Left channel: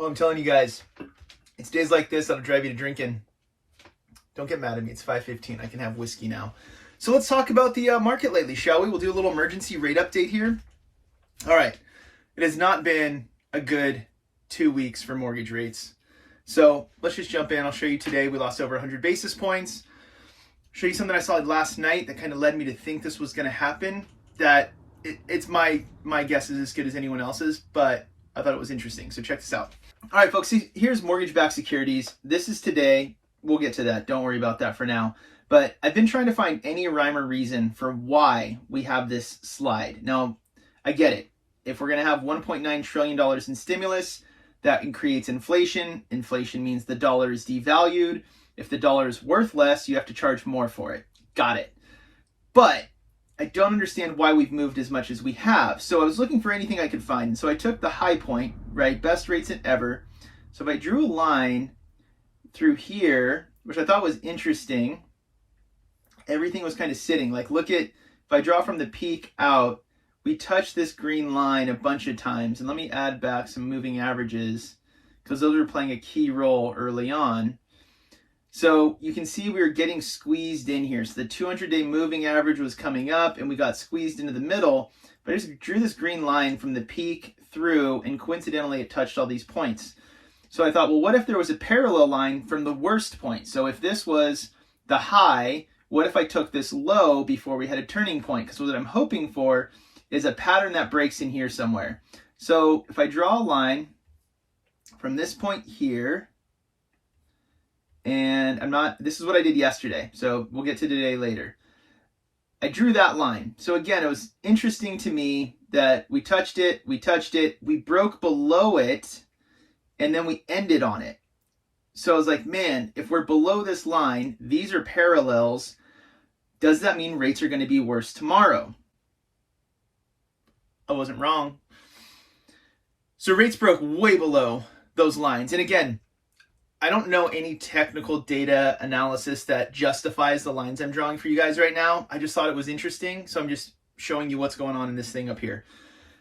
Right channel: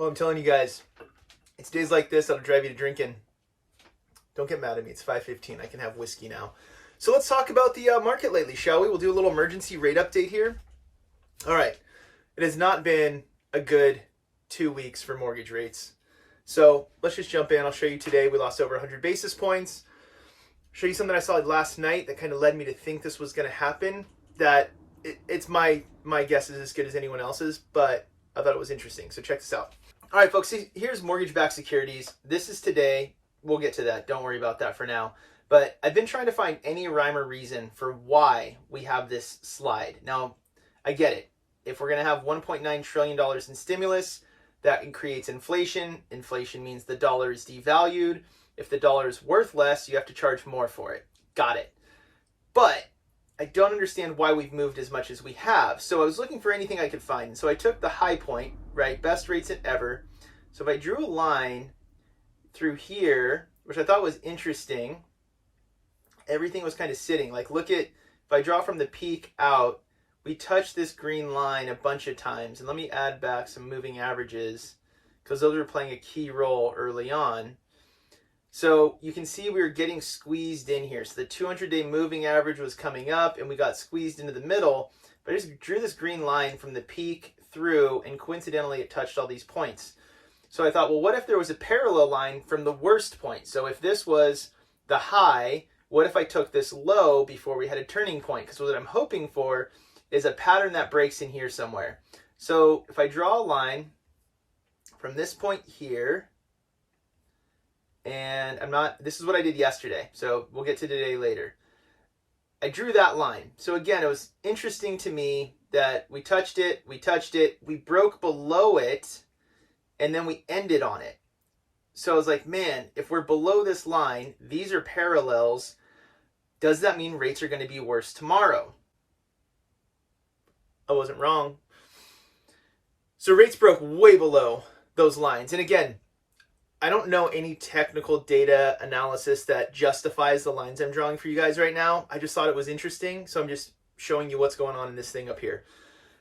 Well, I'm telling you guys, it's days like this that'll drive you to drinking. Don't get mad at me. It's 5:15. I can have whiskey now. So let's talk about the market lately, shall we? We'll do a little emergency rate update here. All right. It has not been a good 2 weeks for mortgage rates. So let's just jump in. I'll show you today. We lost over 100 basis points. Show you something I saw last night that kind of led me to think this was going to happen. That it's my guess is as good as anyone else's, but I thought it was interesting. So check this out. All right, folks, here's mortgage-backed securities. This is today. We'll get to that. Don't worry about that for now. But I've been trying to find any rhyme or reason for why we have this slide. Now, I get it. If we're going to have $1.9 trillion in stimulus, that creates inflation. Inflation means the dollar is devalued. If the dollar is worth less, you have to charge more for it. Got it. But I don't understand why we've moved as much as we have. So I was looking for anything I could find. So I took the high point, right? Best rates in ever. So if I drew a line through here, which I thought was interesting, everything was kind of sitting. Like, look at, if I draw from the peak out, we touched this green line a bunch of times. And let me add back some moving averages because those were playing a key role early on. So you can see we were getting squeezed in here. So the 200-day moving average was coming up and we got squeezed into the middle. But I just drew this green line from the peak through, and coincidentally it touched all these points. So I thought, well, what if there was a parallel line from the worst point? So if this was the high, what if I took this low before we had a turning point? Because what I'm hoping for is a pattern that breaks in here somewhere. So if I draw a line from this point here, and this is what I did yesterday, so we'll get to today later. I drew that line. So again, it was interesting to me that we touched it, we broke below it, and then we ended on it. So I was like, man, if we're below this line, these are parallels, does that mean rates are going to be worse tomorrow? I wasn't wrong. So rates broke way below those lines. And again, I don't know any technical data analysis that justifies the lines I'm drawing for you guys right now. I just thought it was interesting. So I'm just showing you what's going on in this thing up here.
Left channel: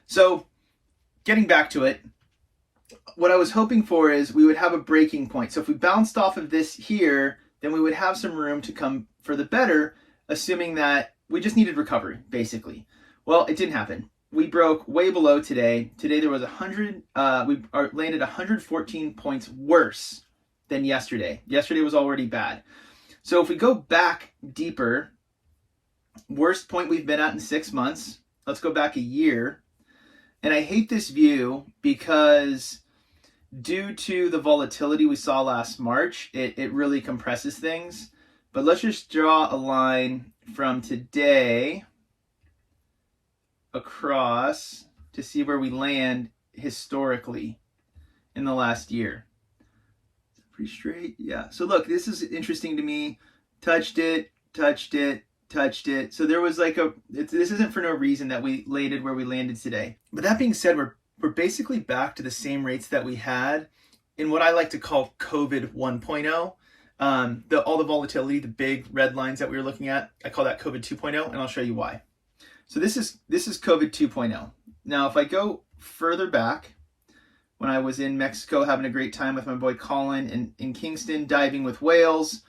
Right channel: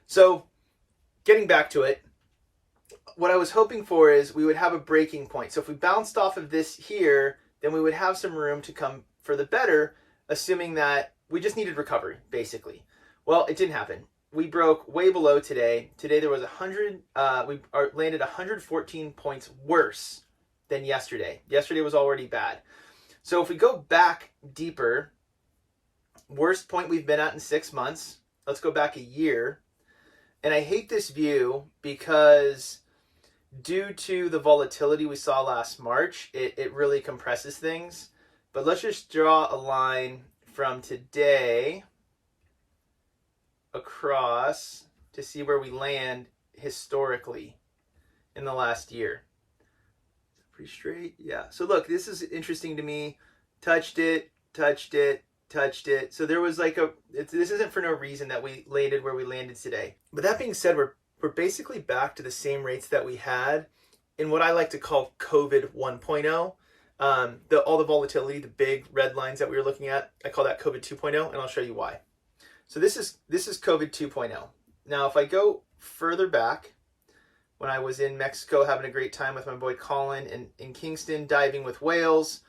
So getting back to it, what I was hoping for is we would have a breaking point. So if we bounced off of this here, then we would have some room to come for the better, assuming that we just needed recovery, basically. Well, it didn't happen. We broke way below today. Today there was we landed 114 points worse than yesterday. Yesterday was already bad. So if we go back deeper, worst point we've been at in 6 months. Let's go back a year. And I hate this view because due to the volatility we saw last March, it really compresses things. But let's just draw a line from today across to see where we land historically in the last year. Pretty straight, yeah. So look, this is interesting to me. Touched it. So there was like this isn't for no reason that we landed where we landed today. But that being said, we're basically back to the same rates that we had in what I like to call COVID 1.0. All the volatility, the big red lines that we were looking at, I call that COVID 2.0, and I'll show you why. So this is COVID 2.0. Now, if I go further back, when I was in Mexico having a great time with my boy Colin and in Kingston diving with whales,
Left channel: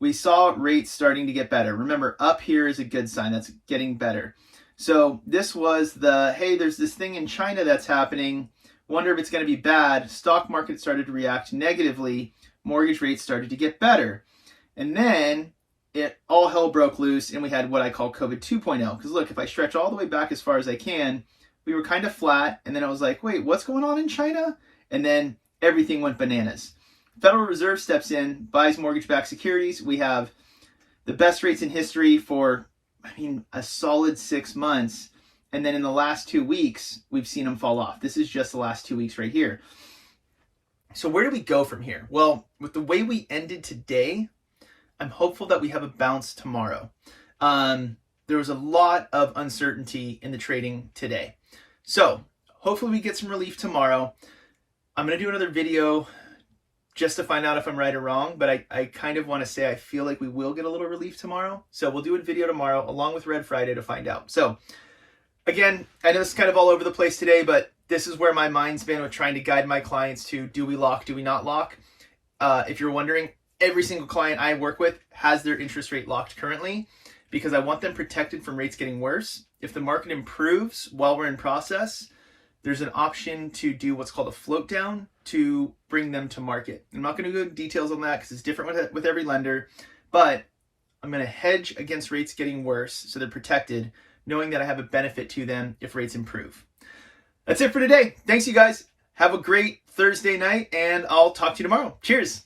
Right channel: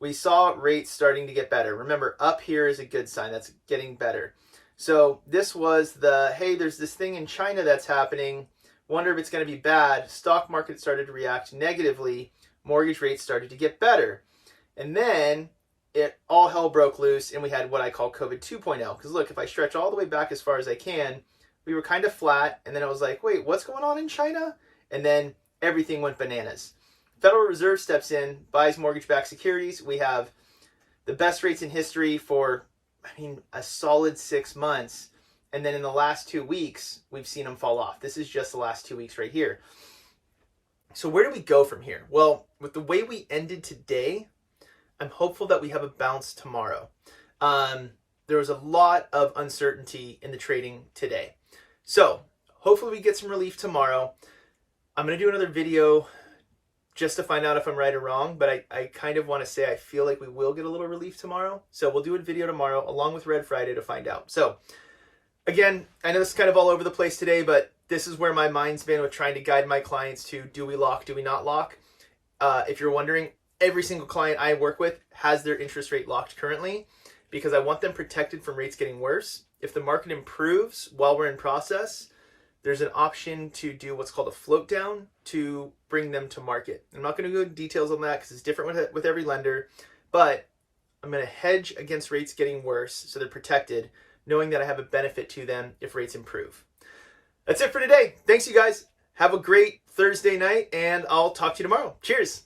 we saw rates starting to get better. Remember, up here is a good sign. That's getting better. So this was hey, there's this thing in China that's happening. Wonder if it's going to be bad. Stock market started to react negatively. Mortgage rates started to get better. And then all hell broke loose and we had what I call COVID 2.0. Because look, if I stretch all the way back as far as I can, we were kind of flat, and then I was like, wait, what's going on in China? And then everything went bananas. Federal Reserve steps in, buys mortgage-backed securities. We have the best rates in history for, a solid 6 months. And then in the last 2 weeks, we've seen them fall off. This is just the last 2 weeks right here. So where do we go from here? Well, with the way we ended today, I'm hopeful that we have a bounce tomorrow. There was a lot of uncertainty in the trading today. So hopefully we get some relief tomorrow. I'm going to do another video just to find out if I'm right or wrong, but I kind of want to say I feel like we will get a little relief tomorrow. So we'll do a video tomorrow along with Red Friday to find out. So again, I know this is kind of all over the place today, but this is where my mind's been with trying to guide my clients to, do we lock, do we not lock? If you're wondering, every single client I work with has their interest rate locked currently because I want them protected from rates getting worse. If the market improves while we're in process, there's an option to do what's called a float down to bring them to market. I'm not going to go into details on that because it's different with every lender, but I'm going to hedge against rates getting worse so they're protected, knowing that I have a benefit to them if rates improve. That's it for today. Thanks, you guys. Have a great Thursday night, and I'll talk to you tomorrow. Cheers.